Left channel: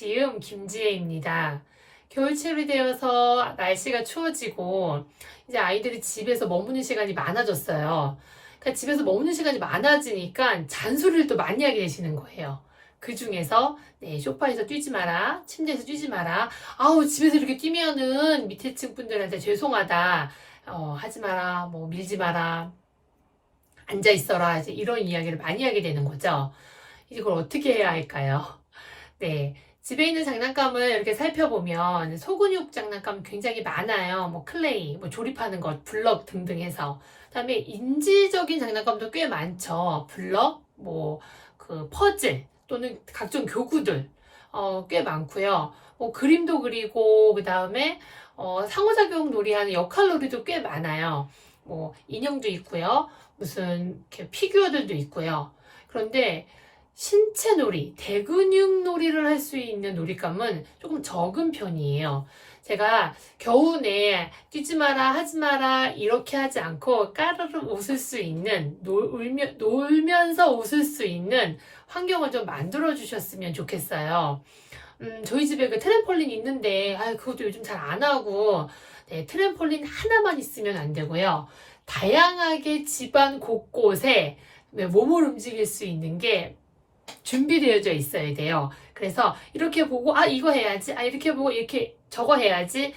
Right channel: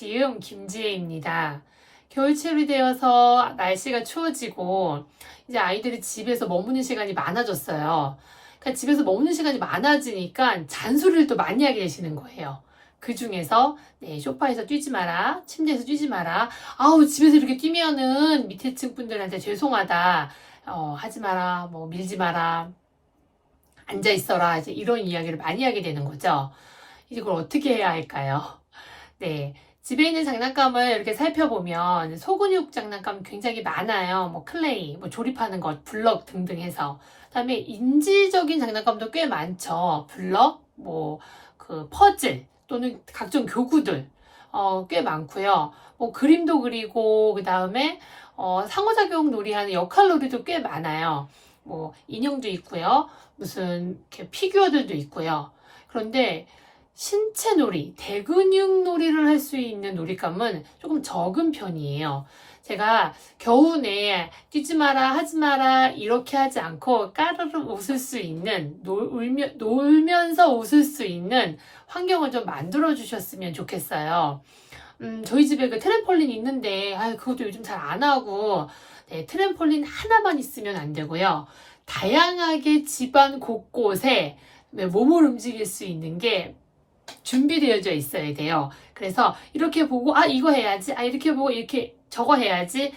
지음 김지혜입니다. 겨울철이 되어서 날씨가 추워지고 이제 아이들이 집에서 머무는 시간이 많아졌어요. 그러니까 집에서 머무는 시간이 많아지니까 잔소리를 또 많이 하게 되시는 거예요. 그 중에서 네, 소파에서 뛰지 마라, 침대에서 뛰지 마라. 아우 집에서 이렇게 뛰면은 밑에 층 분들한테 죄송하다. 어, 하지 마라, 뭐 밀지 마라, 앉아 있어라. 이제 이런 이야기를 많이 하게 되는 거죠. 이걸 어떻게 해야 할까요? 네. 집에 있는 장난감을 이렇게 살펴보면 소근육 장난감 굉장히 많아요. 뭐 클레이, 뭐 조립하는 것, 블럭 등등 해서. 그다음에 인지적인 장난감도 꽤 많죠. 블럭, 뭐 그 퍼즐 또는 각종 교구들 어, 꽤 많고요. 뭐 그림도 그리고 그다음에 어, 상호작용 놀이하는 역할 놀이도 꽤 많아요. 뭐 인형도 있고요. 무슨 이렇게 피규어들도 있고요. 그런데 신체 놀이, 대근육 놀이를 할 수 있는 놀이감은 조금 적은 편이에요. 제가 겨우내 뛰지 마라, 하지 마라, 이렇게 하지 않고 까르르 웃을 수 있는, 놀, 울며, 놀면서 웃을 수 있는 환경을 좀 만들어 주셨으면 좋겠어요. 음, 저희 집에 그 트램폴린 있는데, 아, 그것도 요즘 잘 안 하고, 네, 트램폴린 하나만 있으면 안 되고요. 다양하게 집안 곳곳에 네, 몸을 움직일 수 있는 게 준비되어져 있어야 돼요. 그래서 이렇게 보고 아 이거 해야지, 아 이렇게 보고 이렇게 저거 해야지.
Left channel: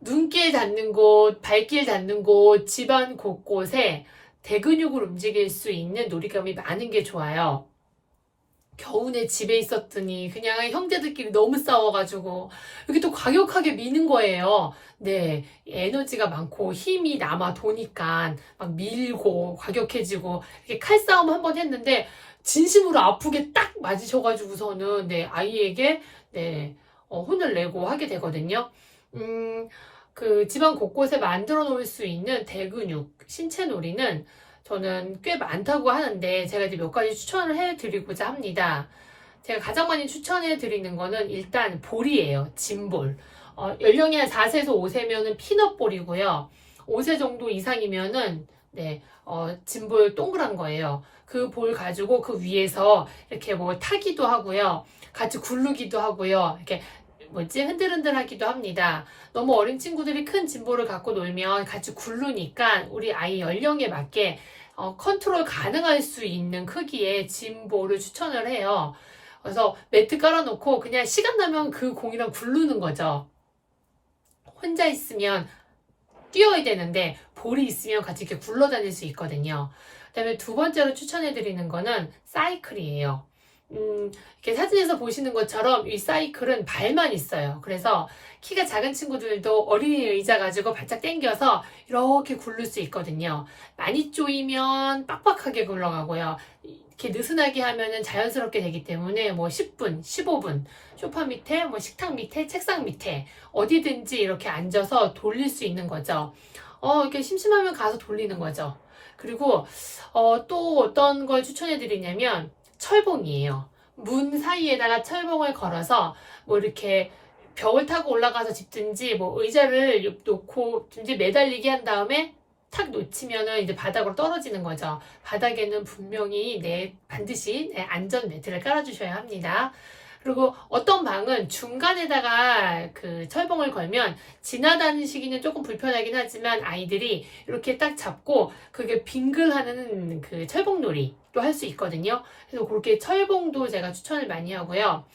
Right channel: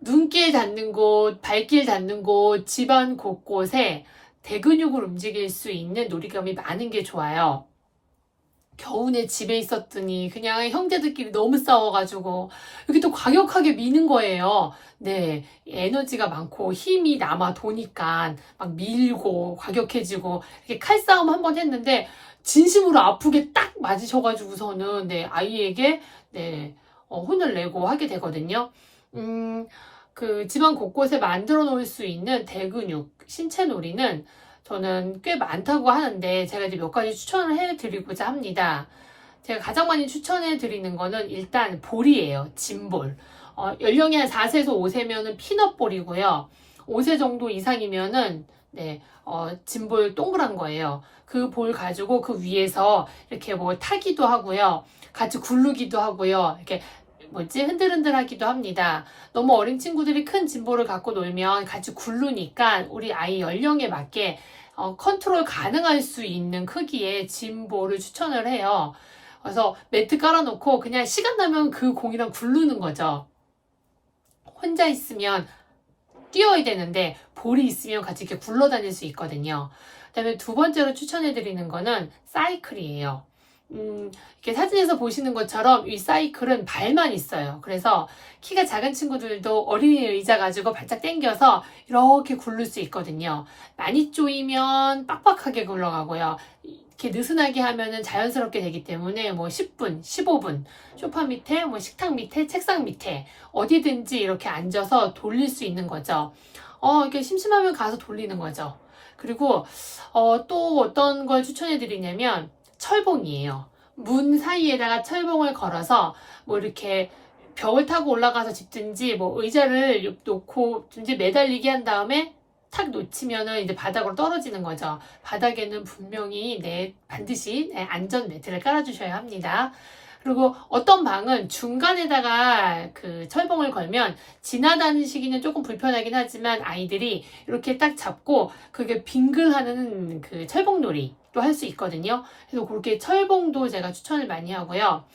눈길 닿는 곳, 발길 닿는 곳, 집안 곳곳에 대근육을 움직일 수 있는 놀이감이 많은 게 좋아요. 겨우내 집에 있었더니 그냥 형제들끼리 너무 싸워가지고 이렇게 또 과격하게 미는 거예요. 네, 에너지가 많고 힘이 남아 도니까 막 밀고 과격해지고 이렇게 칼싸움 한 번 했는데 진심으로 아프게 딱 맞으셔가지고서는 네 아이에게 네 어, 혼을 내고 하게 되거든요. 음, 그 집안 곳곳에 만들어 놓을 수 있는 대근육 신체 놀이는 저는 꽤 많다고 하는데 제가 이제 몇 가지 추천을 해드리고자 합니다. 제가 가장 많이 추천해 드리는 거는 일단 볼이에요. 짐볼. 어, 연령이 한 4세에서 5세면은 피넛볼이고요. 5세 정도 이상이면은 네, 어, 짐볼 동그란 거예요. 그 볼 가지고 그 위에서 이렇게 뭐 타기도 하고요. 같이 굴르기도 하고요. 이렇게 뭐지 흔들흔들 하기도 합니다. 너무 어린 친구들이 큰 짐볼을 갖고 놀면 같이 굴르니까 우리 아이 연령에 맞게 어, 컨트롤 가능할 수 있는 크기의 짐볼을 추천을 해요. 그래서 매트 깔아놓고 그냥 시간 나면 그 공이랑 굴르는 거죠. 혼자 있으면 뛰어야 되는데 볼이 있으면 같이 이렇게 굴러다닐 수 있거든요. 그다음에 두 번째로 추천해드리는 거는 사이클이에요. 음, 이렇게 사진에서 보시는 것처럼 이 사이클은 발만 있어요. 그래서 키가 작은 친구들도 어린이 의자 가지고 발짝 당겨서 이렇게 굴릴 수 있거든요. 많이 쪼이면 빡빡하게 굴러가고요. 이렇게 느슨하게 하면은 자연스럽게 되기 때문에 뭐 10분, 15분, 소파 밑에, 뭐 식탁 밑에, 책상 밑에 어디든지 이렇게 앉아서 돌릴 수 있는 거죠. 어, 이렇게 심심하면 가서 돌리는 거죠. 그리고 어, 또 어떤 걸 추천해 드리냐면 철봉이에요. 문 사이에다가 철봉을 걸어서 뭐 이렇게 벽을 타고 올라가서 짚든지 뭐 의자를 놓고 든지 매달리게 한 다음에 탁 놓치면은 이제 바닥으로 떨어지는 거죠. 바닥에는 분명히 네, 반드시 네, 안전 매트를 깔아주셔야 합니다. 그리고 어떤 방은 중간에다가 그 철봉을 걸면 지나다니시기는 조금 불편하긴 하지만 아이들이 이렇게 딱 잡고 그게 빙글하는 그 철봉놀이도 할수 있거든요. 그래서 그렇게 철봉도 제가 추천을 많이 하고요.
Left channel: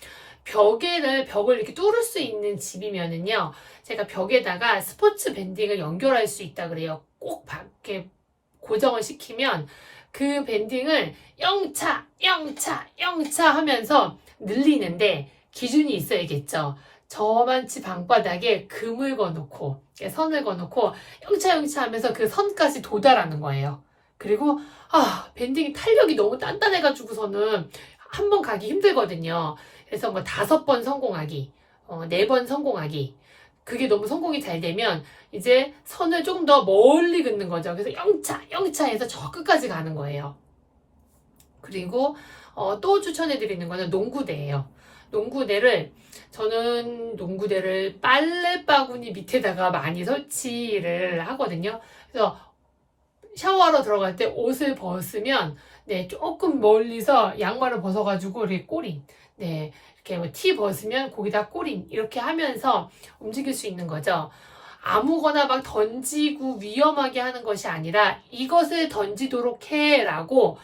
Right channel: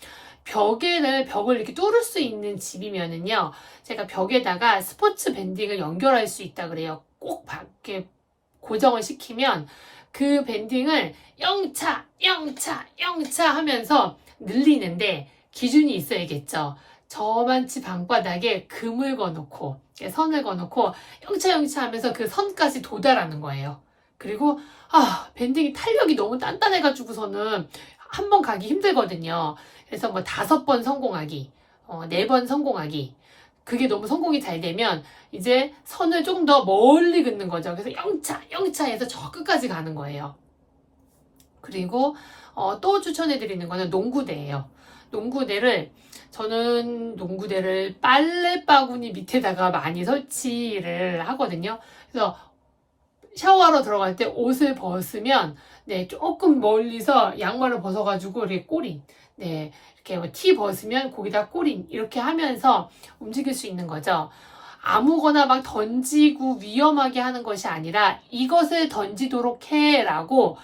벽에를 벽을 이렇게 뚫을 수 있는 집이면은요, 제가 벽에다가 스포츠 밴딩을 연결할 수 있다 그래요. 꼭 밖에 고정을 시키면 그 밴딩을 0차, 0차, 0차 하면서 늘리는데 기준이 있어야겠죠. 저만치 방바닥에 금을 거놓고 선을 거놓고 0차, 0차 하면서 그 선까지 도달하는 거예요. 그리고 아 밴딩이 탄력이 너무 단단해가지고서는 한 번 가기 힘들거든요. 그래서 뭐 다섯 번 성공하기, 어, 네번 성공하기. 그게 너무 성공이 잘 되면 이제 선을 조금 더 멀리 긋는 거죠. 그래서 0차, 0차 해서 저 끝까지 가는 거예요. 그리고 어, 또 추천해 드리는 거는 농구대예요. 농구대를 저는 농구대를 빨래 바구니 밑에다가 많이 설치를 하거든요. 그래서 샤워하러 들어갈 때 옷을 벗으면 네, 조금 멀리서 양말을 벗어가지고 이렇게 꼬리 네, 이렇게 뭐 티 벗으면 거기다 꼬린 이렇게 하면서 움직일 수 있는 거죠. 아무거나 막 던지고 위험하게 하는 것이 아니라 이것을 던지도록 해라고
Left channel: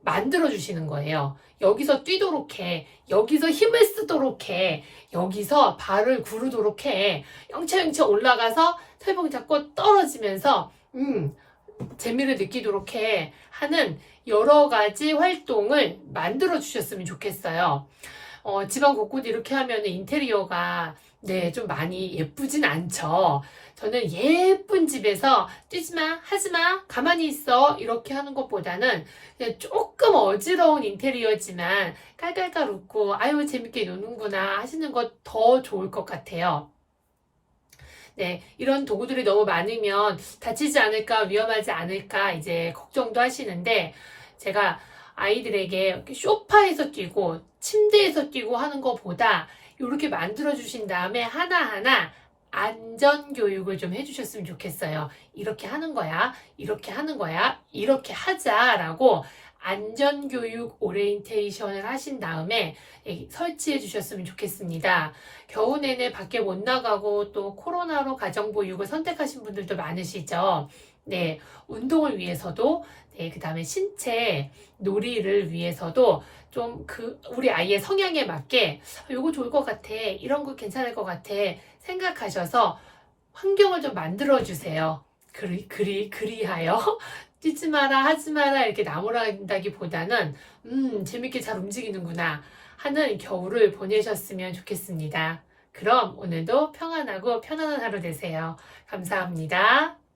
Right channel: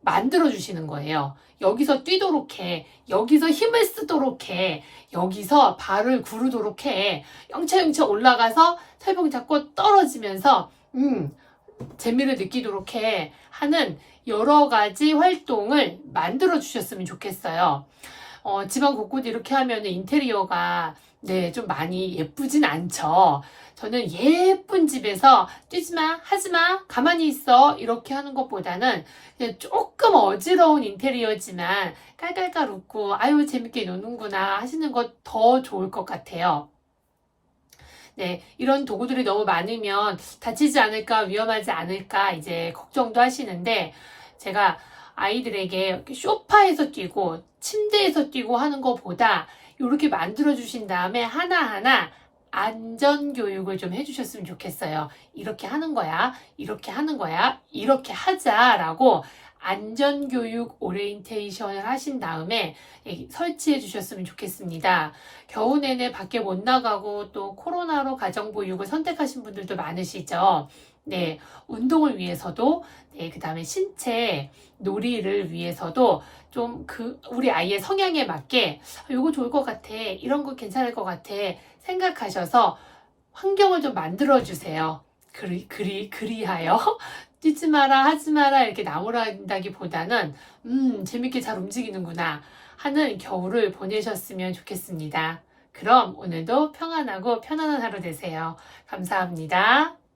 만들어 주시는 거예요. 여기서 뛰도록 해. 여기서 힘을 쓰도록 해. 여기서 발을 구르도록 해. 영차영차 올라가서 철봉 잡고 떨어지면서 음 재미를 느끼도록 해 하는 여러 가지 활동을 만들어 주셨으면 좋겠어요. 어, 집안 곳곳 이렇게 하면 인테리어가 네, 좀 많이 예쁘진 않죠. 저는 예쁜 집에서 뛰지 마, 하지 마, 가만히 있어 이렇게 하는 것보다는 조금 어지러운 인테리어지만 깔깔깔 웃고 아유 재밌게 노는구나 하시는 것 더 좋을 것 같아요. 네, 이런 도구들이 너무 많으면 다치지 않을까, 위험하지 않을까, 이제 걱정도 하시는데, 제가 아이들에게 이렇게 소파에서 뛰고, 침대에서 뛰고 하는 것보다, 이렇게 만들어 주신 다음에 하나하나 안전 교육을 좀 해주셨으면 좋겠어요. 이렇게 하는 거야, 이렇게 하는 거야, 이렇게 하자라고 안전 교육 오리엔테이션을 하신 다음에 설치해 주셨으면 좋겠습니다. 겨우 내내 밖에 못 나가고 또 코로나로 가정 보육을 선택하신 분들도 많으시죠. 네, 운동을 위해서도, 네, 그 다음에 신체 놀이를 위해서도 좀 그, 우리 아이의 성향에 맞게, 아, 요거 좋을 것 같아, 이런 거 괜찮을 것 같아, 생각하셔서 환경을 좀 만들어 주세요. 그리, 그리, 그리하여 뛰지 마라, 하지 마라, 이렇게 나무란다기보다는, 음, 재밌게 잘 움직이는구나 하는 겨울을 보내셨으면 좋겠습니다. 그럼 오늘도 평안하고 편안한 하루 되세요. 감사합니다.